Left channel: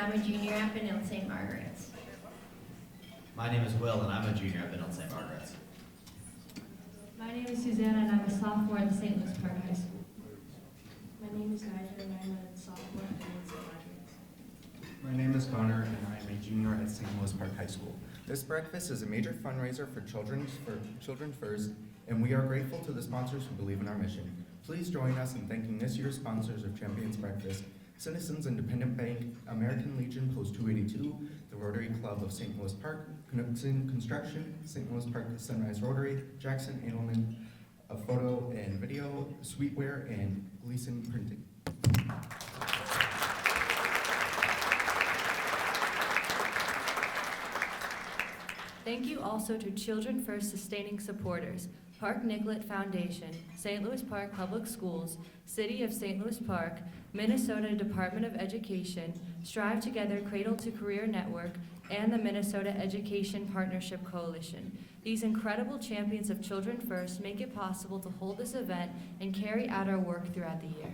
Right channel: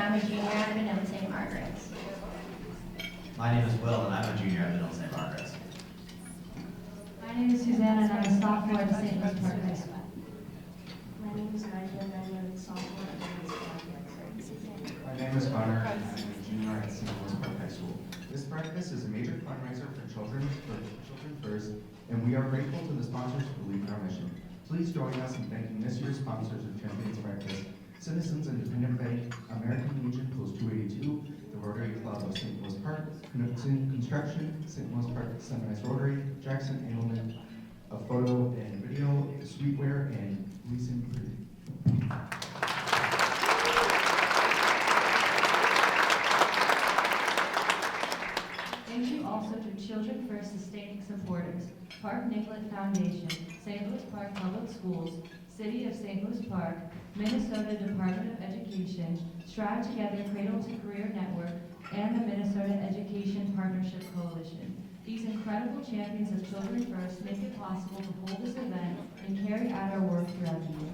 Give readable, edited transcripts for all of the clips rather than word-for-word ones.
I'm a junior at Benilde St. Margaret's. My name is Will, and I'm a junior at Benilde St. Margaret's. My name is Suzanne, and I'm a sophomore at St. Louis Park High School. My name is Nigel, and I'm a sophomore at Benilde St. Margaret's. My name is Connor, and I'm a junior at St. Louis Park High School. This breakfast is a major fundraiser for Children First, and we are grateful to the sponsors who believe in our mission. Please join us in thanking this year's sponsors of Champions Breakfast: Citizens Independent Bank, American Legion Post 282, the Rotary Club of St. Louis Park, Knudsen Construction, St. Louis Park Sunrise Rotary, Jackson Edelman, a photo and video, Sweetware, and Gleason Printing. Thank you also to Children First sustaining supporters, Park Nicollet Foundation, St. Louis Park Public Schools, City of St. Louis Park, Minnesota Department of Education, Strive Together Cradle to Career Network, and the Minnesota Education Partnership Coalition. These incredible champions of Children First make it possible to hold this event and carry out our work throughout the year.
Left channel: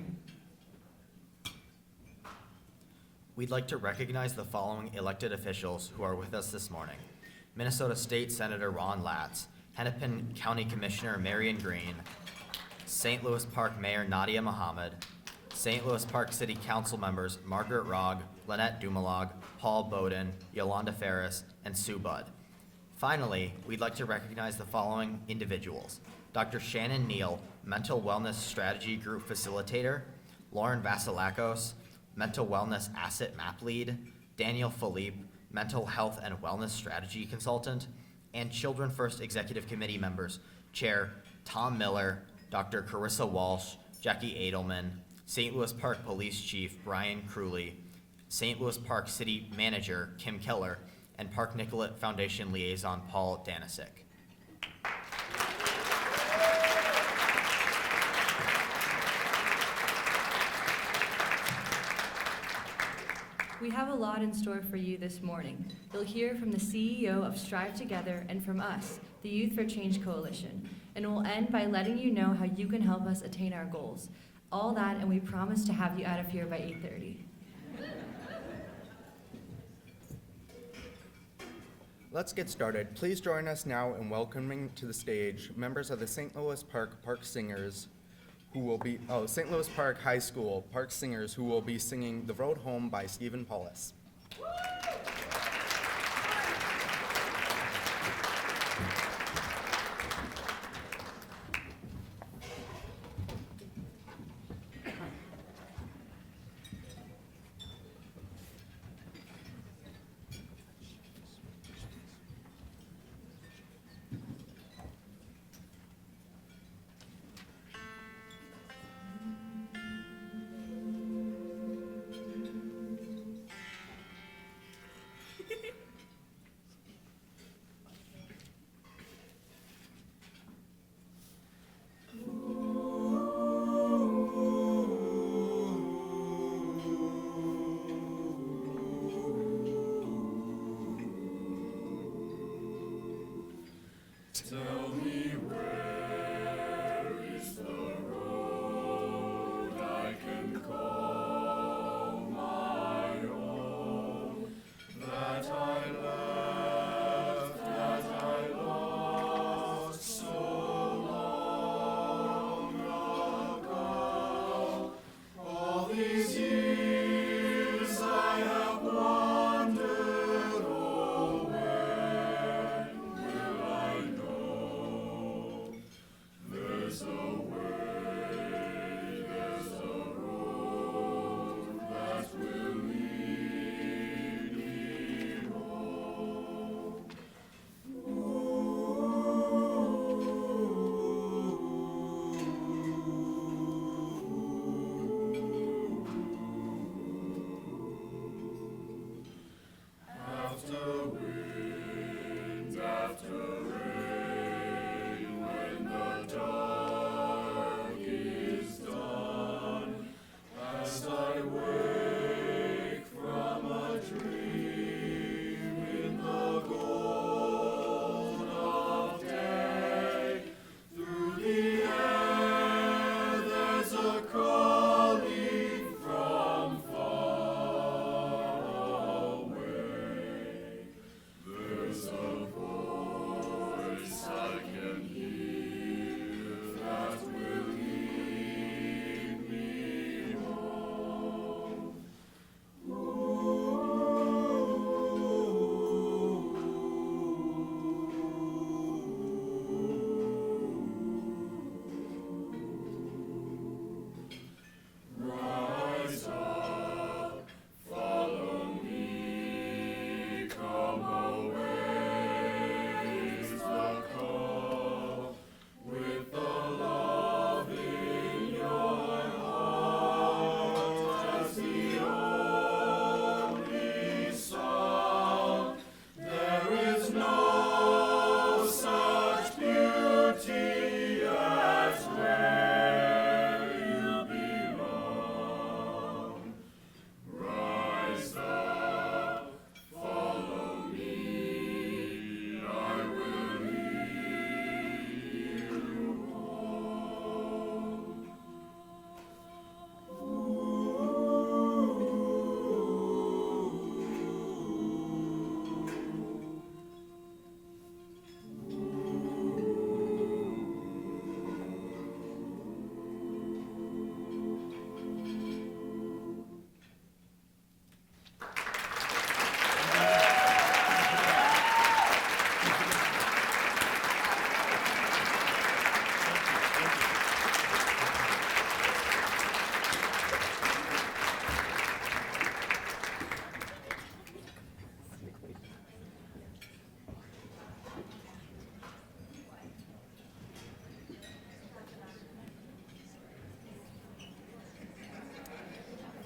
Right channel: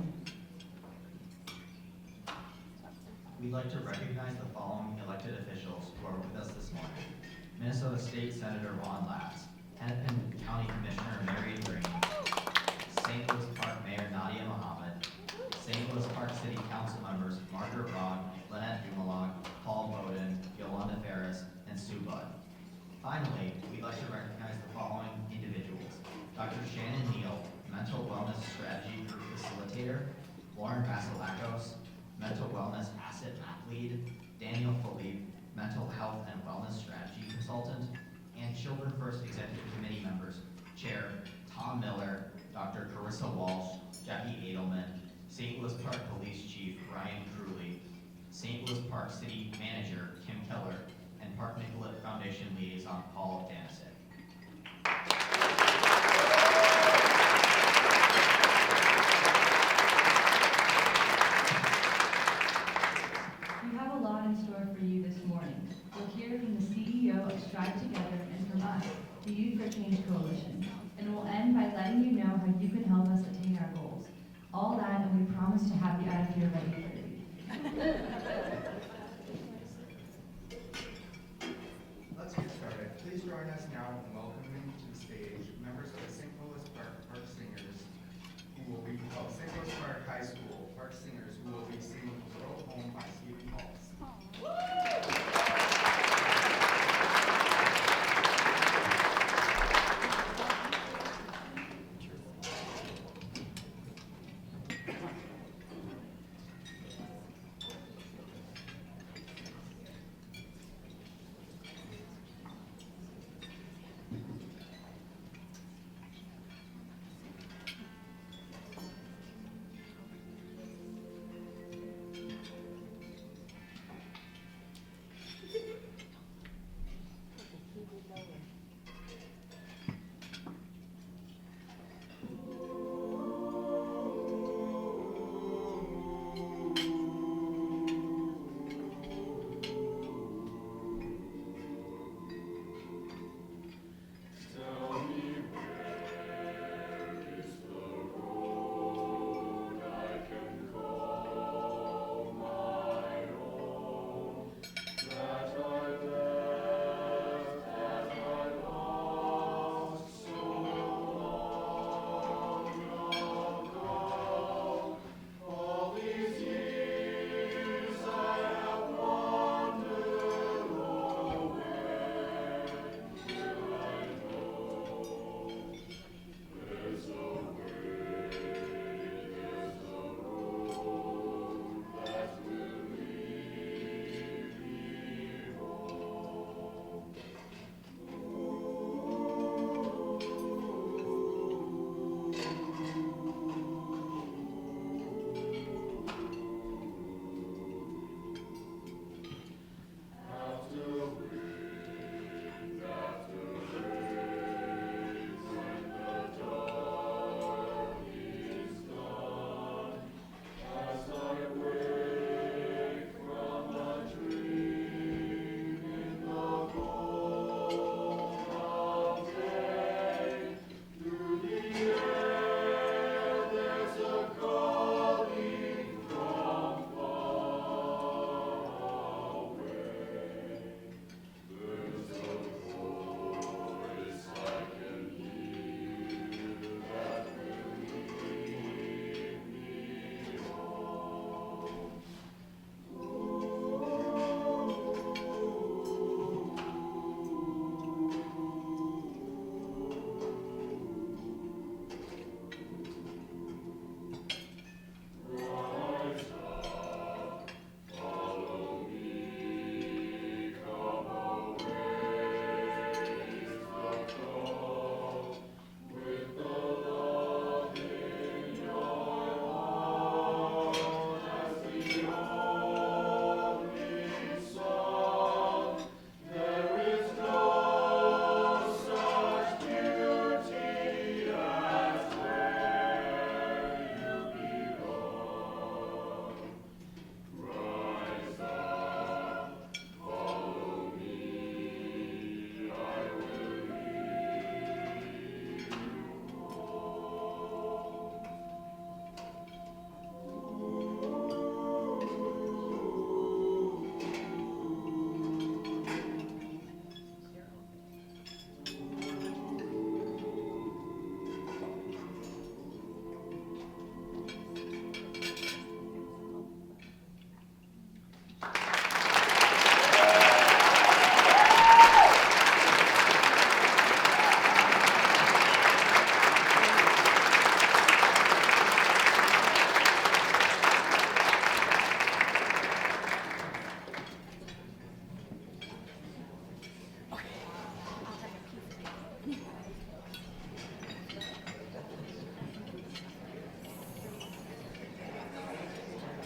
We'd like to recognize the following elected officials who are with us this morning: Minnesota State Senator Ron Latz, Hennepin County Commissioner Marion Green, St. Louis Park Mayor Nadia Mohammed, St. Louis Park City Council members Margaret Rogg, Lynette Dumalog, Paul Bowden, Yolanda Ferris, and Sue Budd. Finally, we'd like to recognize the following individuals: Dr. Shannon Neal, Mental Wellness Strategy Group Facilitator, Lauren Vasilakos, Mental Wellness Asset Map Lead, Daniel Philippe, Mental Health and Wellness Strategy Consultant, and Children First Executive Committee members, Chair Tom Miller, Dr. Carissa Walsh, Jackie Edelman, St. Louis Park Police Chief Brian Crewley, St. Louis Park City Manager Kim Keller, and Park Nicollet Foundation Liaison Paul Danisic. We have a lot in store for you this morning. You'll hear from the CEO of Strive Together and from us, the Youth for Change Coalition. And we'll end by letting you know how you can help us attain our goals. All that, and we promise to have you out of here by 8:30. Let's get started. Please join us now in welcoming to the stage members of the St. Louis Park Singers, who will be, St. Louis Park High School Park Singers, who will be singing The Road Home by Stephen Paulus.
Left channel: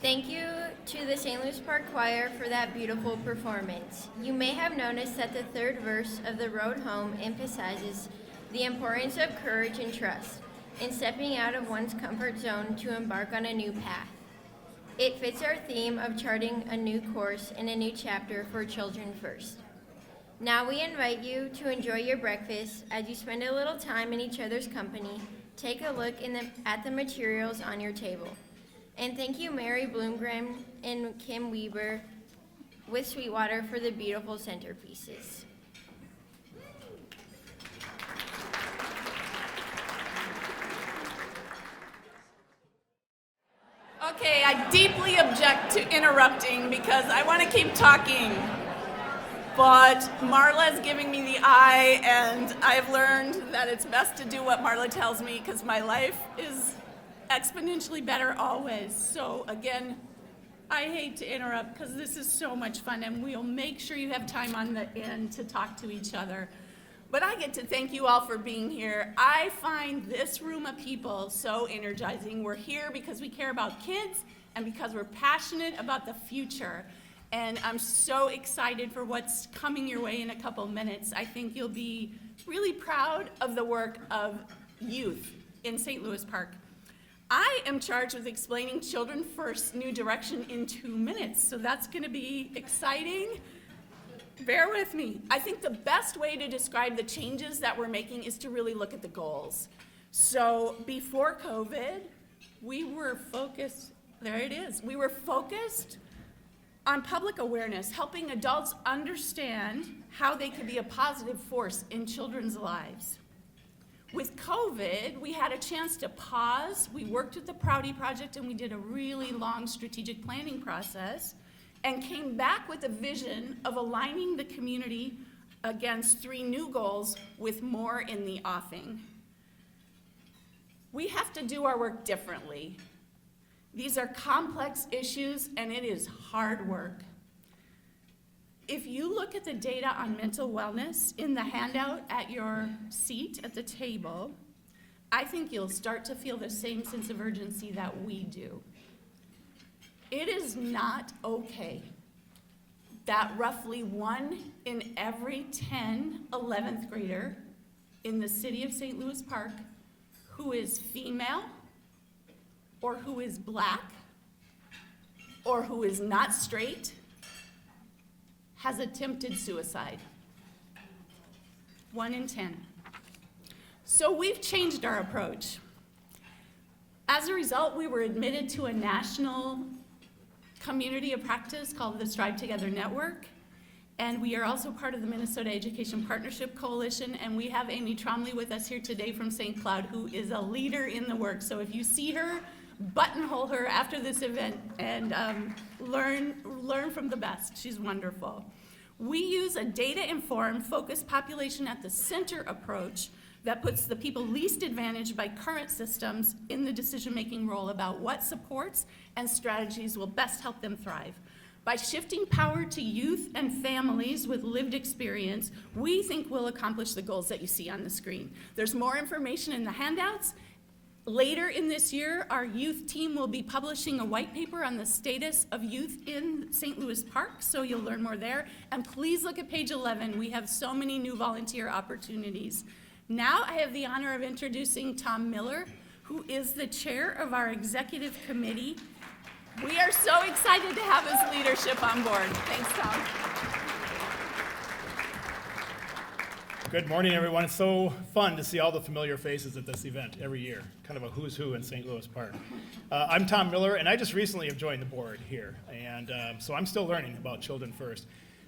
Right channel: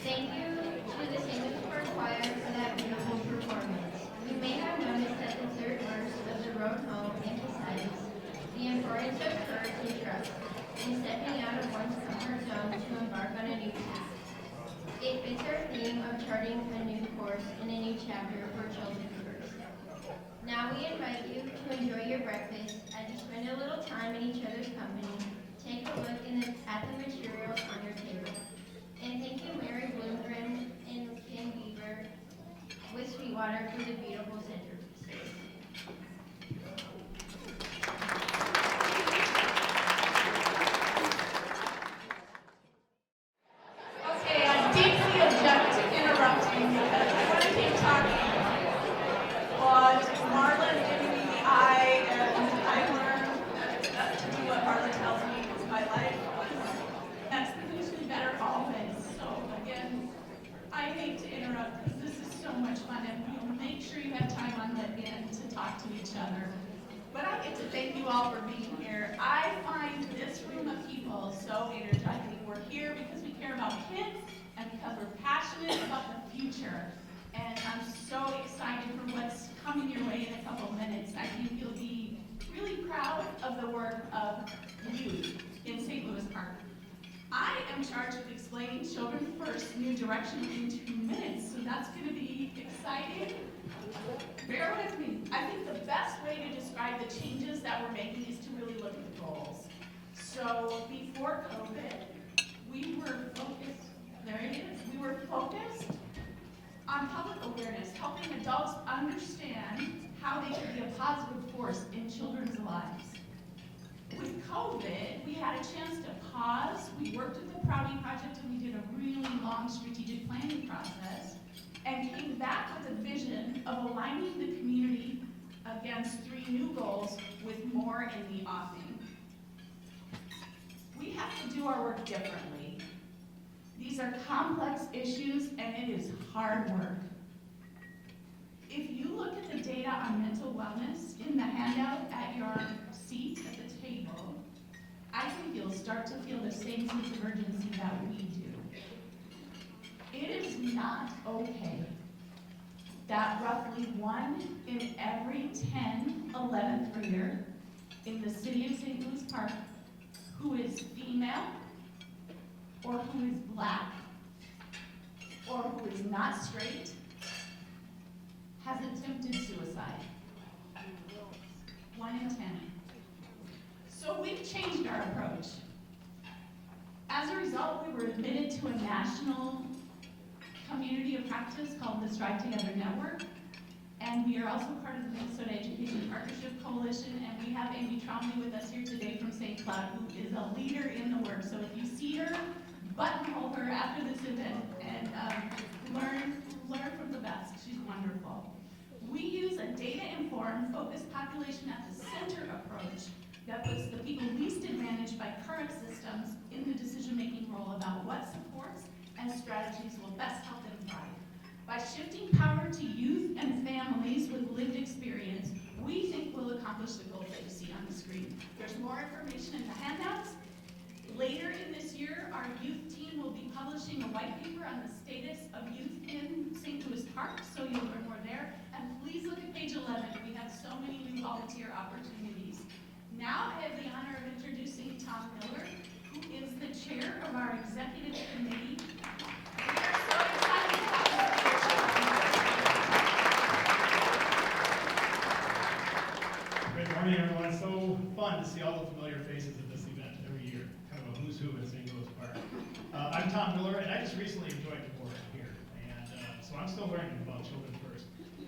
Thank you to the St. Louis Park Choir for that beautiful performance. You may have noticed that the third verse of The Road Home emphasizes the importance of courage and trust in stepping out of one's comfort zone to embark on a new path. It fits our theme of charting a new course in a new chapter for Children First. Now we invite you to enjoy your breakfast as you spend a little time in each other's company. Take a look at the materials on your table. And thank you Mary Bloomgren and Kim Weber with Sweetwater for the beautiful centerpieces. Okay, I deeply object to interrupting because I want to keep talking. But Marla is giving me the eye, and I've learned that it's best to do what Marla tells me because my life is exponentially better always. So again, I hate to interrupt because this is so much fun, and we'll make sure you have time on the end to talk to each other. But I get to thank you all for being here. I find this room of people so energizing. We're here because we care about kids and because we're passionate about the future. And I'm so excited for what's coming your way in a couple minutes. I think you'll be really proud of the work of youth in St. Louis Park. I am charged with explaining Children First New Direction in 2 minutes, so that's going to be exciting. Bear with me. I think the best way to describe the changes that we're making is to really look at the goals. So before COVID, we were focused, there it is, we were focused on public awareness, helping adults understand how they can be a positive force in children's lives. With COVID, we had a chance to pause. We worked with the Proudy Project and we did a really long strategic planning process and came back with a vision of aligning the community against 3 new goals with more in the offing. We have to do our work differently. These are complex issues and it is hard work. If you look at the data on mental wellness in the handout at your seat at the table, I think you'll start to feel the same sense of urgency that we do. It is not okay that roughly 1 in every 10 11th grader in the city of St. Louis Park who is female or who is black or who is not straight has attempted suicide. 1 in 10. So we've changed our approach. As a result, we were admitted to a national community of practice called the Strive Together Network, and we are also part of the Minnesota Education Partnership Coalition, and we have Amy Tromley with us here today from St. Cloud, who is a leader in the work. So if you see her, buttonhole her after this event and learn from the best. She's wonderful. We use a data-informed, focused population at the center approach that puts the people least advantaged by current systems in the decision-making role about what supports and strategies will best help them thrive. By shifting power to youth and families with lived experience, we think we'll accomplish the goals that you see on the screen. There's more information in the handouts. Later in this year, our youth team will be publishing a white paper on the status of youth in St. Louis Park, so you'll learn more there. And please look at page 11. We have so many new volunteer opportunities. Now I have the honor of introducing Tom Miller, who is the chair of our executive committee. We are so excited to have his leadership on board. Thanks, Tom. Good morning, everyone. It's so fun to see all the familiar faces at this event every year, kind of a who's who in St. Louis Park. I'm Tom Miller, and I just recently have joined the board here, and so I'm still learning about Children First.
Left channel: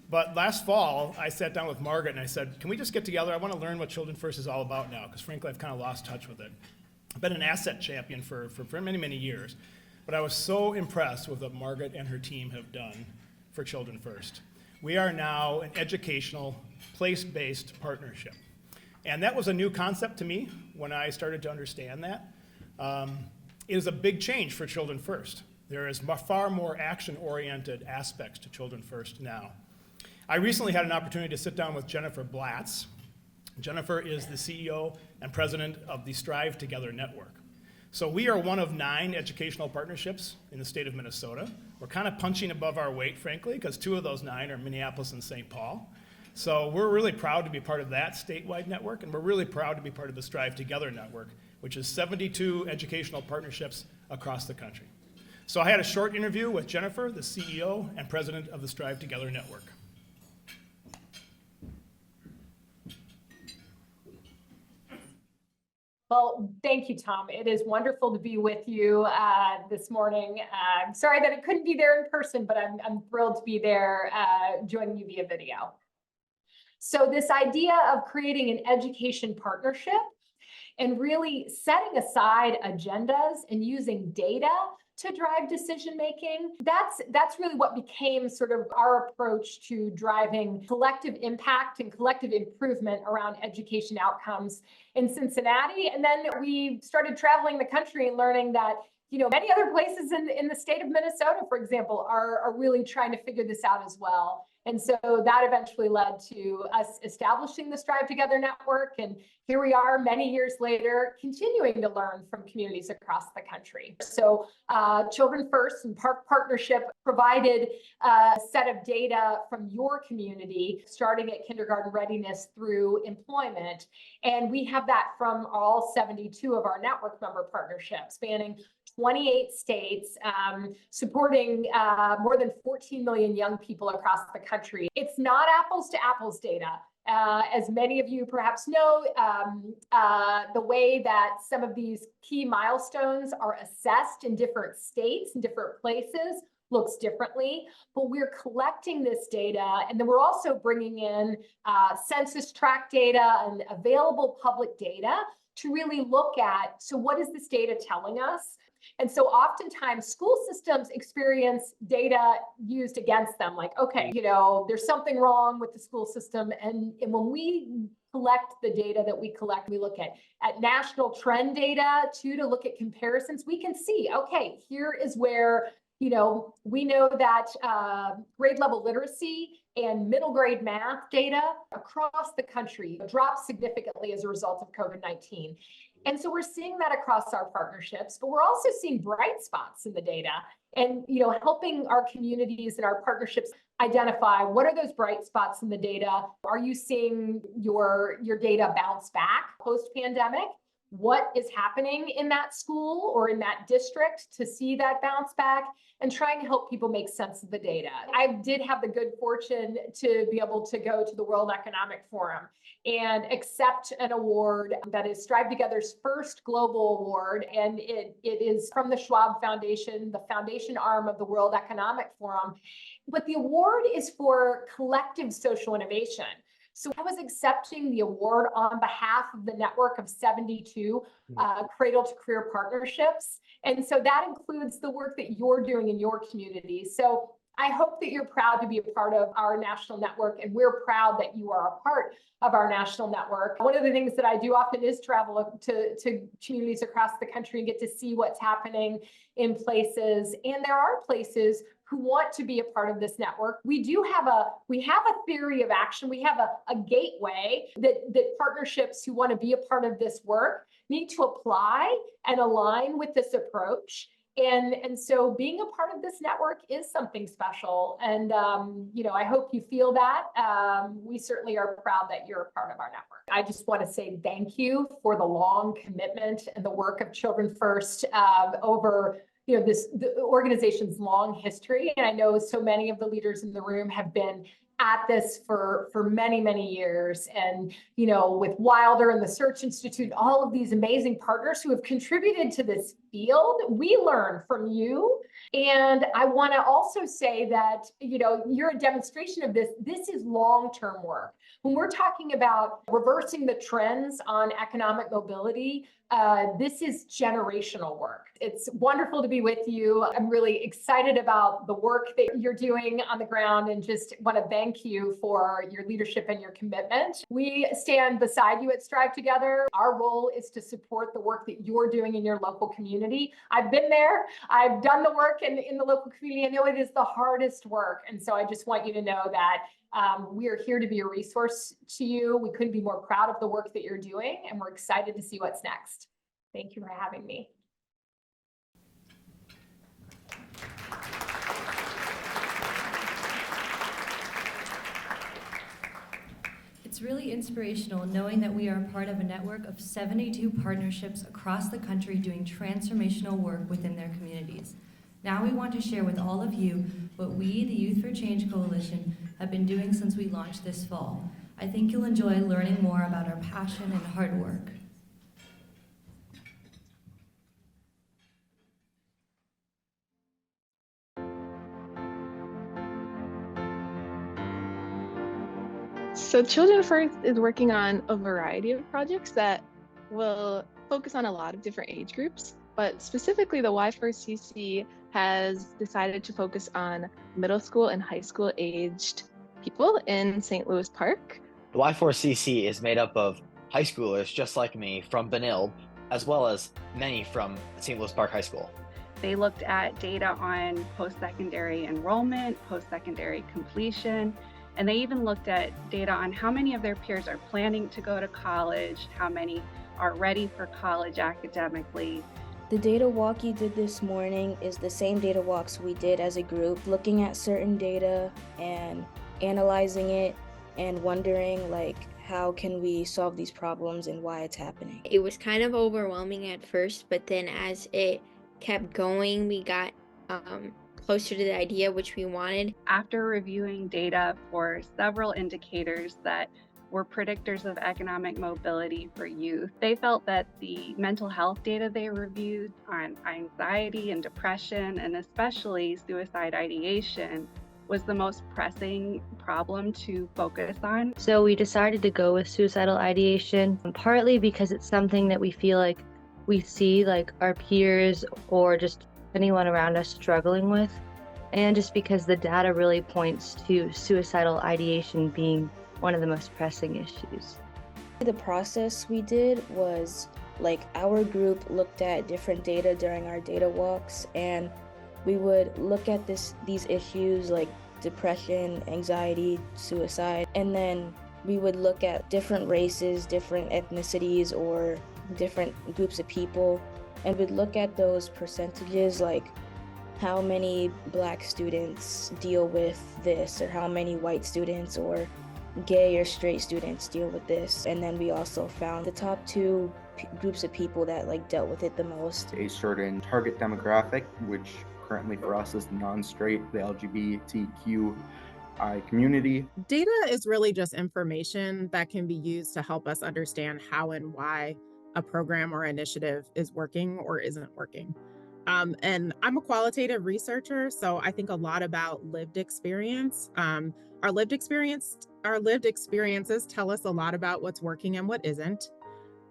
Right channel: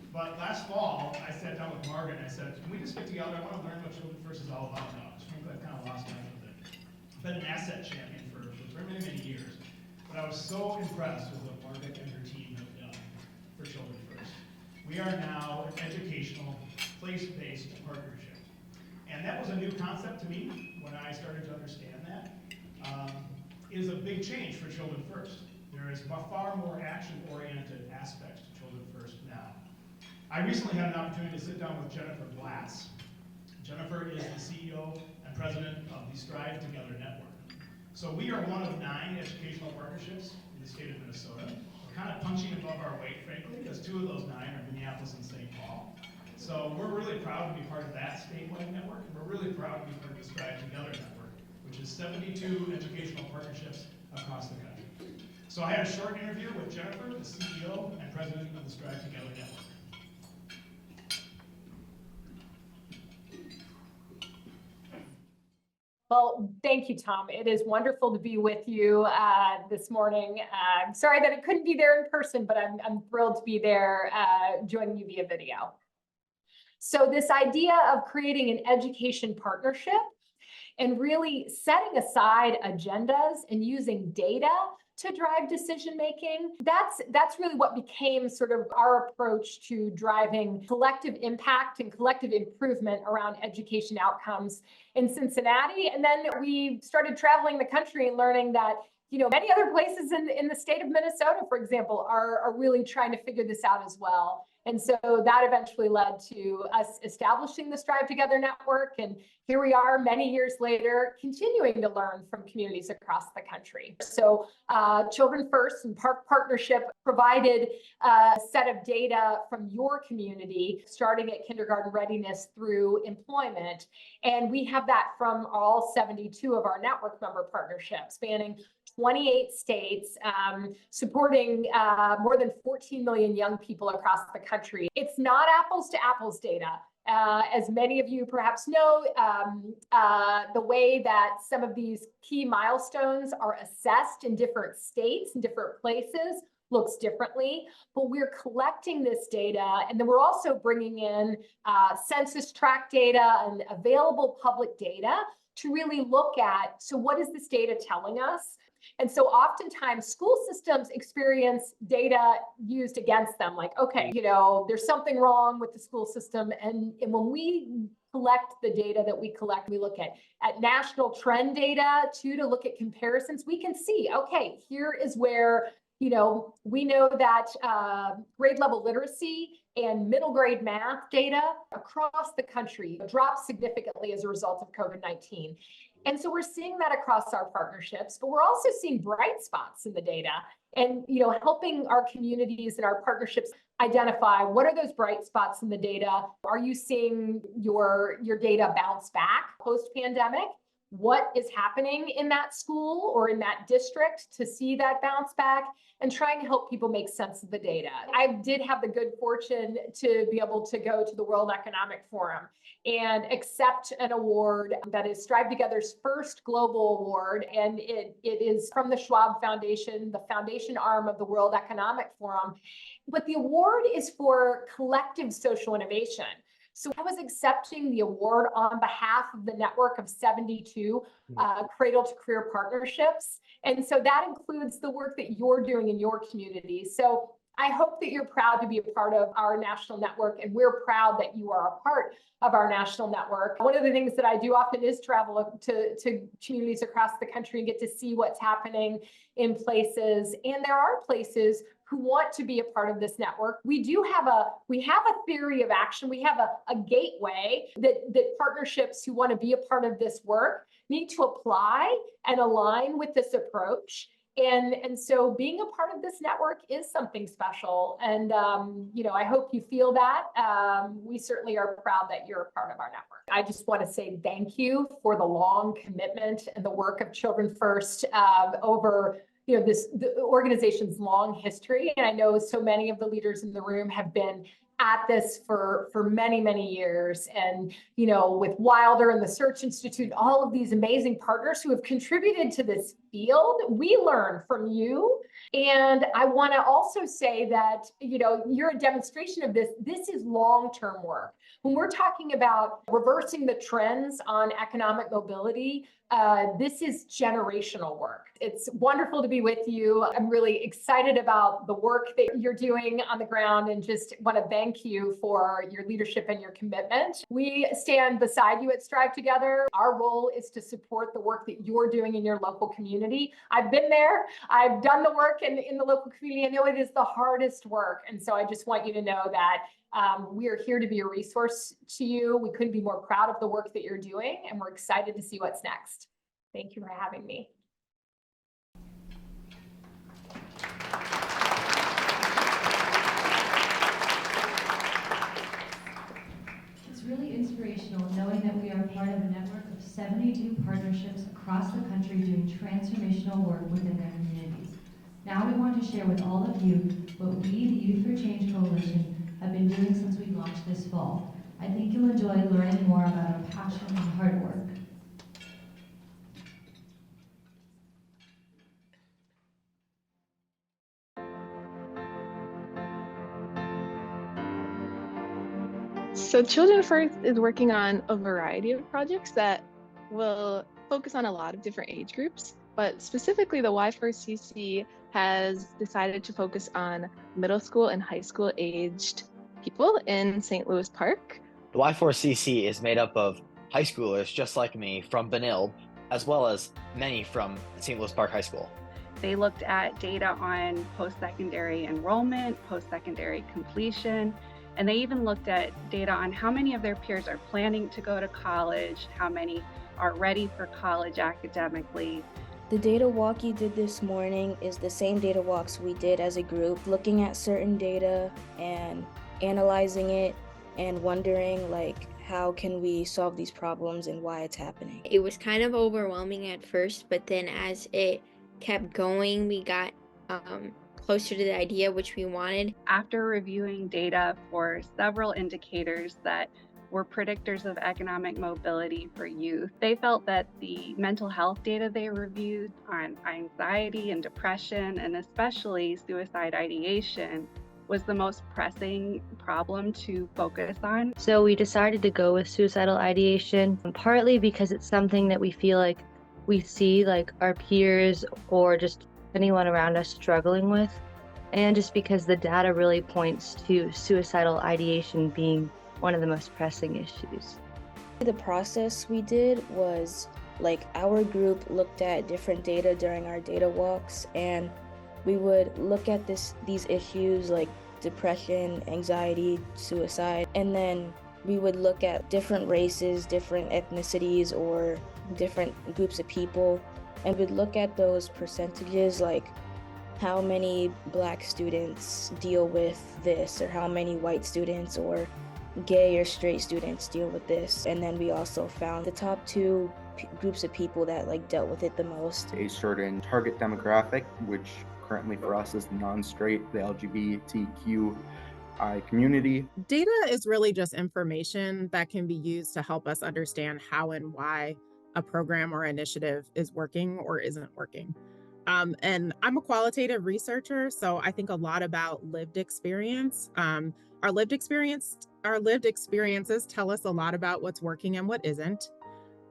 But last fall, I sat down with Margaret and I said, can we just get together? I want to learn what Children First is all about now, because frankly, I've kind of lost touch with it. I've been an asset champion for many, many years, but I was so impressed with what Margaret and her team have done for Children First. We are now an educational, place-based partnership. And that was a new concept to me when I started to understand that. It is a big change for Children First. There is far more action-oriented aspects to Children First now. I recently had an opportunity to sit down with Jennifer Blatz. Jennifer is the CEO and president of the Strive Together Network. So we are one of 9 educational partnerships in the state of Minnesota. We're kind of punching above our weight, frankly, because 2 of those 9 are Minneapolis and St. Paul. So we're really proud to be part of that statewide network, and we're really proud to be part of the Strive Together network, which is 72 educational partnerships across the country. So I had a short interview with Jennifer, the CEO and president of the Strive Together network. Well, thank you, Tom. It is wonderful to be with you this morning. I'm sorry that I couldn't be there in person, but I'm thrilled to be there joining you via video. So this idea of creating an education partnership and really setting aside agendas and using data to drive decision making, that's really what became sort of our approach to driving collective impact and collective improvement around education outcomes in Cincinnati. And then we started traveling the country and learning that, you know, many other places in the state of Minnesota, for example, are really trying to figure this out as well. And so that eventually led to us establishing the Strive Together network. And here we are many years later, continuing to learn from communities across the country. So Children First and Park Partnership provided a set of data from your community, starting at kindergarten readiness through employment. And we have that from all 72 of our network member partnerships, spanning 28 states, supporting more than 14 million young people across the country. It's not apples to apples data. As many of you perhaps know, the way that some of these key milestones are assessed in different states and different places looks differently, but we're collecting this data, and then we're also bringing in census tract data and available public data to really look at, so what is this data telling us? And so oftentimes school systems experience data used against them, like, okay, you know, there's something wrong with the school system. And when we collect the data that we collect, we look at national trend data too, to look at comparisons. We can see, okay, here is where, you know, we know that grade level literacy and middle grade math data across the country dropped significantly as a result of COVID-19. And so we're seeing that across our partnerships, but we're also seeing bright spots in the data and, you know, helping our communities and our partnerships identify what are those bright spots in the data. Are you seeing your data bounce back post-pandemic? What is happening in that school or in that district to see that bounce back, and trying to help people make sense of the data. I did have the good fortune to be able to go to the World Economic Forum and accept an award that is Strive Together's first global award. And it is from the Schwab Foundation, the foundation arm of the World Economic Forum. But the award is for collective social innovation. So I was accepting the award on behalf of the network of 72 cradle to career partnerships. And so that includes the work that you're doing in your community. So I hope that you're proud to be a part of our national network, and we're proud that you are a part of our national network. One of the things that I do often is travel to communities across the country and get to see what's happening in places. And there are places who want to be a part of this network. We have a theory of action. We have a gateway that partnerships who want to be a part of this work need to apply and align with this approach. And so being a part of this network is something special. And, you know, I hope you feel that. We certainly are proud that you're a part of our network. I just want to say thank you for the long commitment and the work of Children First over, you know, the organization's long history. And I know so many of the leaders in the room have been at this for many, many years. And, you know, with Wilder and the Search Institute, all of these amazing partners who have contributed to this field, we learn from you. And I want to also say that, you know, you're a demonstration of this. This is long-term work. When we're talking about reversing the trends on economic mobility, this is generational work. It's wonderful to be with you. I'm really excited about the work that you're doing on the ground, and just want to thank you for your leadership and your commitment. We stand beside you at Strive Together. Our role is to support the work that you're doing in your local community. I've been there. I've done the work in the local community. I know it is the hardest work. And so I just want you to know that we are here to be a resource to you. We couldn't be more proud of the work that you're doing, and we're excited to see what's next. Thank you for having me. inspirational knowing that we are a part of a network of 72 partnerships across the country doing transformational work within their communities. Now we want to share with all of you what we, the Youth for Change Coalition, have been doing since we launched this fall. I think you'll enjoy learning more about our passion and hard work. So Children First is working on a variety of projects that will focus on a lot of different age groups, but specifically the Y4CC has decided to focus on middle school and high school aged people in St. Louis Park. The Y4CC is made up of high schoolers just like me from Benilde, as well as many from St. Louis Park High School. They looked at data on post-secondary enrollment, post-secondary completion, and they even looked at data on how many of their peers are planning to go to college, how many are ready for college academically. The data walk you did this morning is the same data walks we did as a group, looking at certain data and analyzing it and wondering how can we solve these problems and why it's happening. It was kind of overwhelming at first, but then as it kept going, we got closer to the idea which we wanted. After reviewing data for several indicators that were predictors of economic mobility for youth, they felt that the mental health data they reviewed on anxiety and depression, and especially suicide ideation, was the most pressing problem to focus on. So we decided to go with suicidal ideation, partly because it's something that we feel like we see our peers or just anyone around us struggling with, and just because the data really points to suicidal ideation being one of the most pressing issues. The process we did was our group looked at different data during our data walks, and we would look at these issues like depression, anxiety, suicide, and then we would look at different races, different ethnicities, or different groups of people, and we'd look at those percentages, like how many Black students deal with this, or how many white students or gay or straight students deal with this. And then we also found the top two groups of people that dealt with it the most. A certain target demographic, which currently for us is the non-straight, the LGBTQI community. Data is really just information that can be used to help us understand how and why a program or initiative is working or isn't working. And I'm a qualitative researcher, so I think a lot about lived experience. Our lived experiences tell us a lot about what's working and what isn't.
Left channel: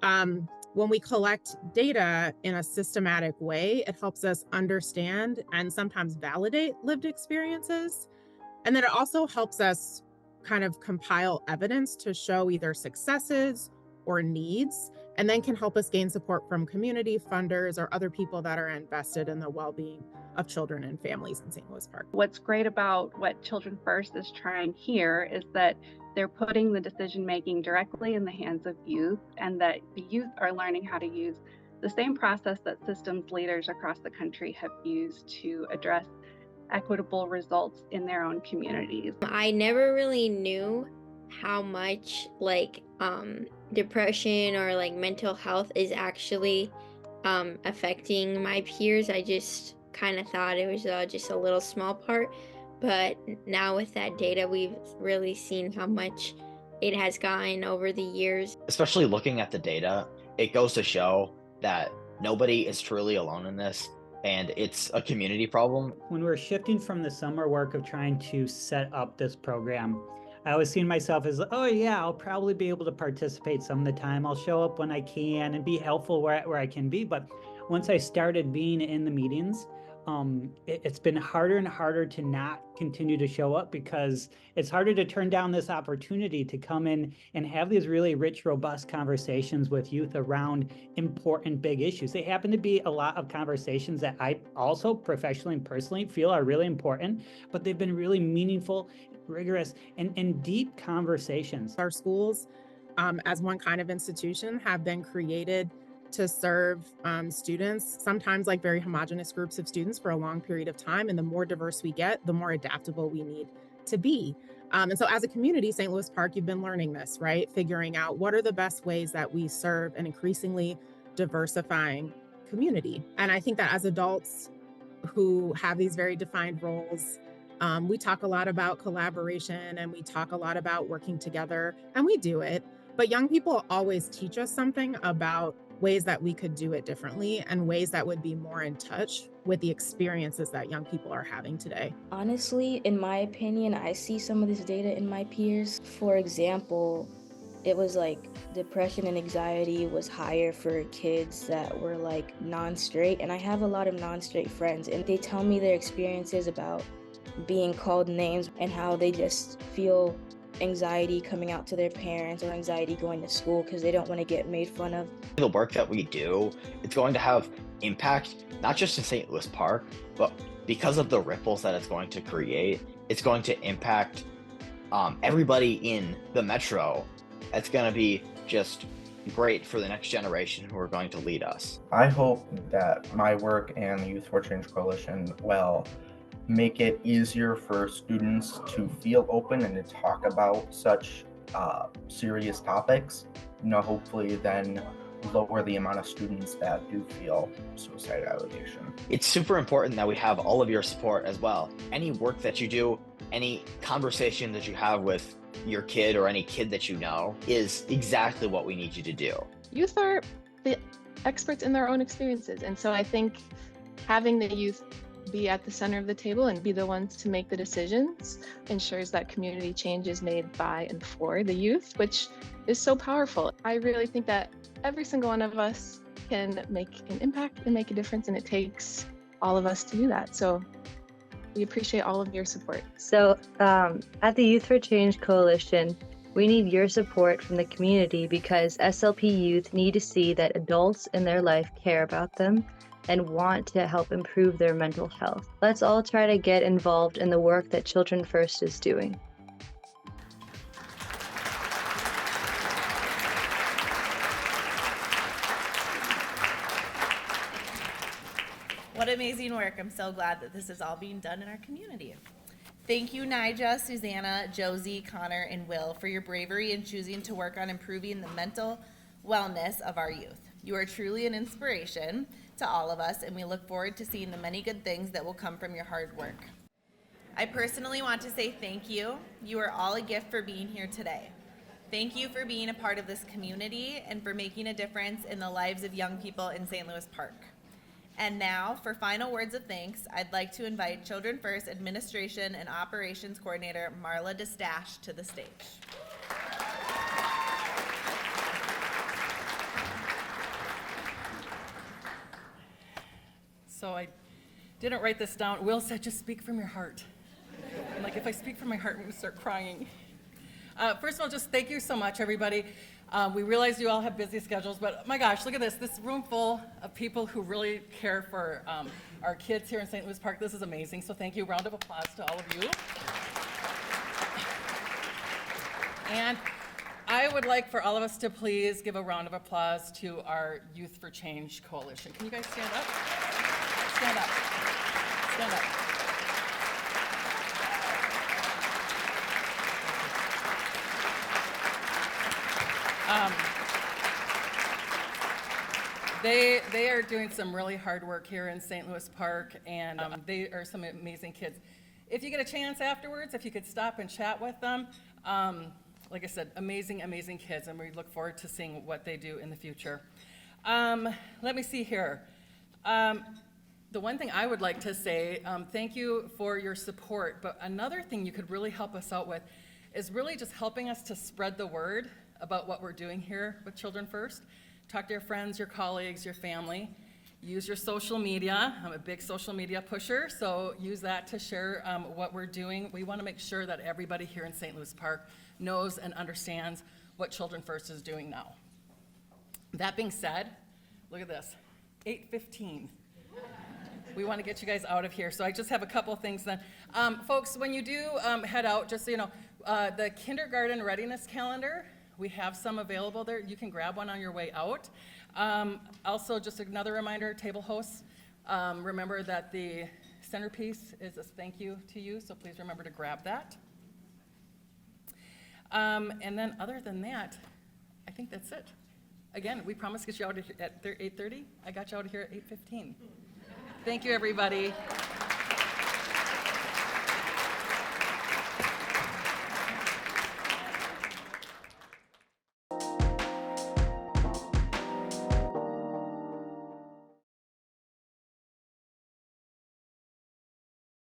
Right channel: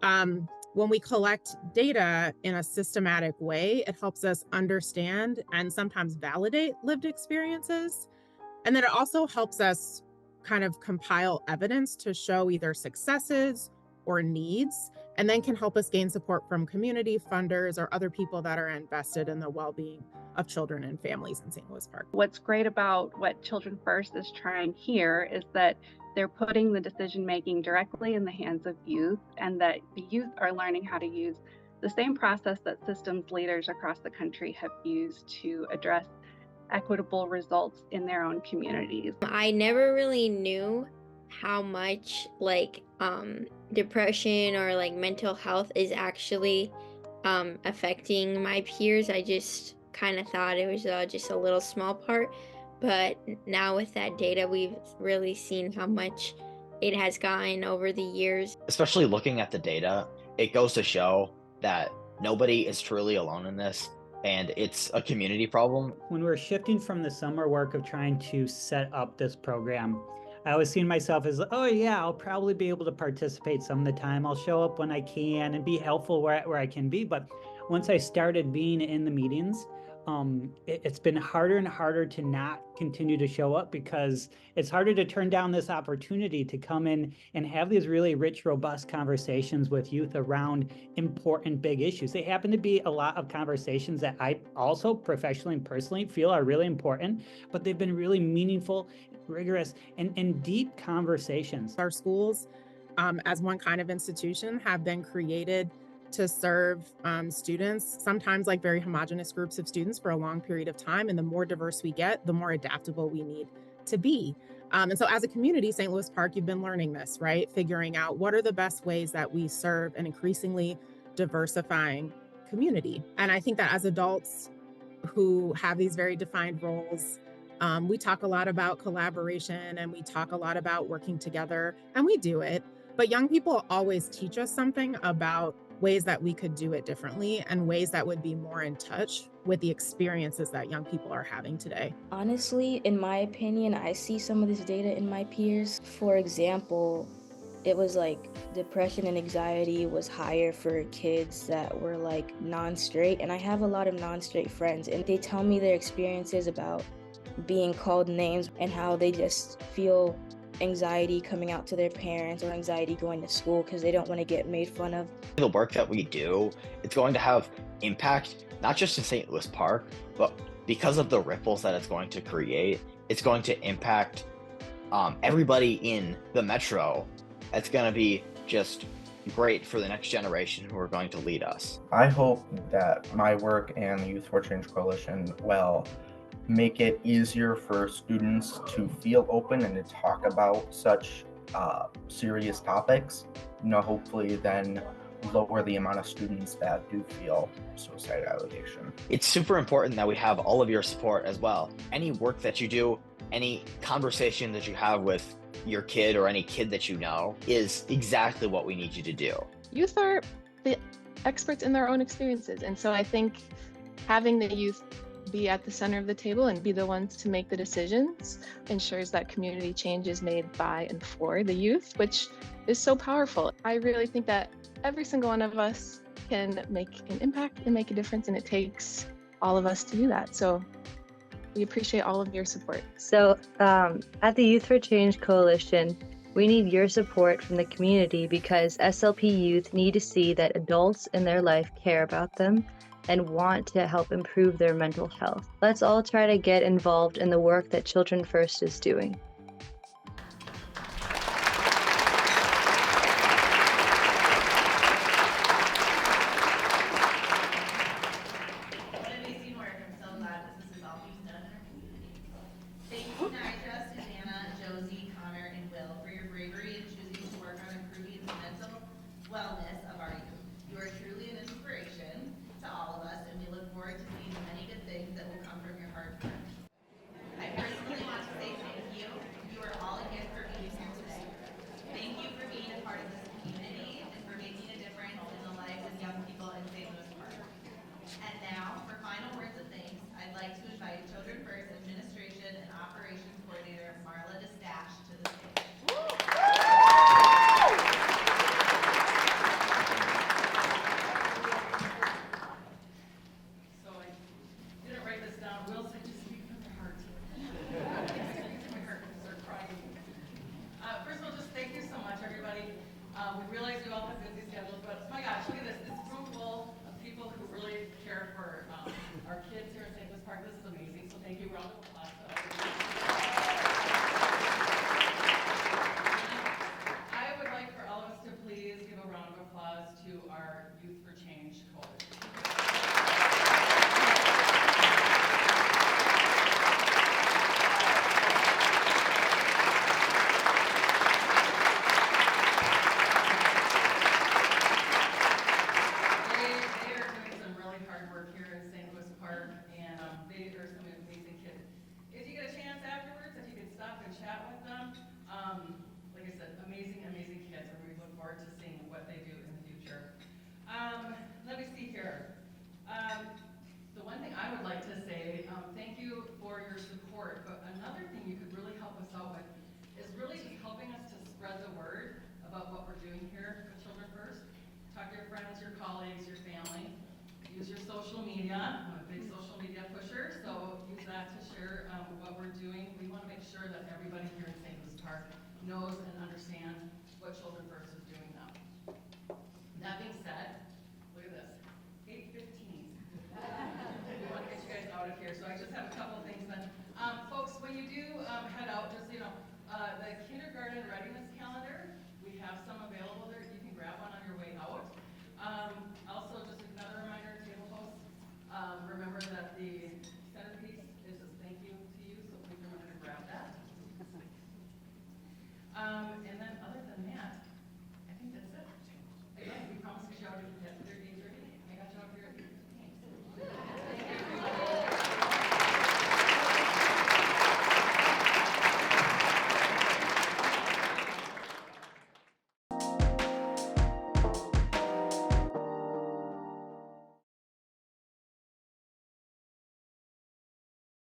When we collect data in a systematic way, it helps us understand and sometimes validate lived experiences. And then it also helps us kind of compile evidence to show either successes or needs, and then can help us gain support from community funders or other people that are invested in the well-being of children and families in St. Louis Park. What's great about what Children First is trying here is that they're putting the decision-making directly in the hands of youth, and that the youth are learning how to use the same process that systems leaders across the country have used to address equitable results in their own communities. I never really knew how much depression or mental health is actually affecting my peers. I just kind of thought it was just a little small part, but now with that data, we've really seen how much it has gotten over the years. Especially looking at the data, it goes to show that nobody is truly alone in this, and it's a community problem. When we're shifting from the summer work of trying to set up this program, I always seen myself as, oh yeah, I'll probably be able to participate some of the time. I'll show up when I can and be helpful where I can be. But once I started being in the meetings, it's been harder and harder to not continue to show up, because it's harder to turn down this opportunity to come in and have these really rich, robust conversations with youth around important big issues. They happen to be a lot of conversations that I also professionally and personally feel are really important, but they've been really meaningful, rigorous, and deep conversations. Our schools, as one kind of institution, have been created to serve students, sometimes very homogenous groups of students for a long period of time. And the more diverse we get, the more adaptable we need to be. And so as a community, St. Louis Park, you've been learning this, right? Figuring out what are the best ways that we serve an increasingly diversifying community. And I think that as adults who have these very defined roles, we talk a lot about collaboration and we talk a lot about working together, and we do it. But young people always teach us something about ways that we could do it differently and ways that would be more in touch with the experiences that young people are having today. Honestly, in my opinion, I see some of this data in my peers. For example, it was like depression and anxiety was higher for kids that were like non-straight, and I have a lot of non-straight friends, and they tell me their experiences about being called names and how they just feel anxiety coming out to their parents or anxiety going to school because they don't want to get made fun of. The work that we do, it's going to have impact, not just in St. Louis Park, but because of the ripples that it's going to create, it's going to impact everybody in the metro. It's going to be just great for the next generation who are going to lead us. I hope that my work and the Youth for Change Coalition will make it easier for students to feel open and to talk about such serious topics. Hopefully then lower the amount of students that do feel suicide ideation. It's super important that we have all of your support as well. Any work that you do, any conversation that you have with your kid or any kid that you know is exactly what we need you to do. Youth are the experts in their own experiences, and so I think having the youth be at the center of the table and be the ones to make the decisions ensures that community change is made by and for the youth, which is so powerful. I really think that every single one of us can make an impact and make a difference, and it takes all of us to do that. So we appreciate all of your support. So at the Youth for Change Coalition, we need your support from the community because SLP youth need to see that adults in their life care about them and want to help improve their mental health. Let's all try to get involved in the work that Children First is doing. What amazing work. I'm so glad that this is all being done in our community. Thank you, Nija, Susanna, Josie, Connor, and Will for your bravery in choosing to work on improving the mental wellness of our youth. You are truly an inspiration to all of us, and we look forward to seeing the many good things that will come from your hard work. I personally want to say thank you. You are all a gift for being here today. Thank you for being a part of this community and for making a difference in the lives of young people in St. Louis Park. And now, for final words of thanks, I'd like to invite Children First Administration and Operations Coordinator Marla DeStache to the stage. So I didn't write this down. Will said, just speak from your heart. I'm like, if I speak from my heart, I'm gonna start crying. First of all, just thank you so much, everybody. We realize you all have busy schedules, but my gosh, look at this room full of people who really care for our kids here in St. Louis Park. This is amazing, so thank you. Round of applause to all of you. And I would like for all of us to please give a round of applause to our Youth for Change Coalition. Can you guys stand up? Stand up. Stand up. They are doing some really hard work here in St. Louis Park, and they are some amazing kids. If you get a chance afterwards, if you could stop and chat with them, like I said, amazing, amazing kids, and we look forward to seeing what they do in the future. Let me see here. The one thing I would like to say, thank you for your support, but another thing you could really help us out with is really just helping us to spread the word about what we're doing here with Children First. Talk to your friends, your colleagues, your family. Use your social media. I'm a big social media pusher, so use that to share what we're doing. We want to make sure that everybody here in St. Louis Park knows and understands what Children First is doing now. That being said, look at this, 8:15. We want to get you guys out of here, so I just have a couple things then. Folks, when you do head out, just so you know, the kindergarten readiness calendar, we have some available there. You can grab one on your way out. Also, just another reminder, table hosts, remember that the centerpiece is a thank you to you, so please remember to grab that. And then other than that, I think that's it. Again, we promised to get you out of here at 8:30. I got you out of here at 8:15. Thank you, everybody.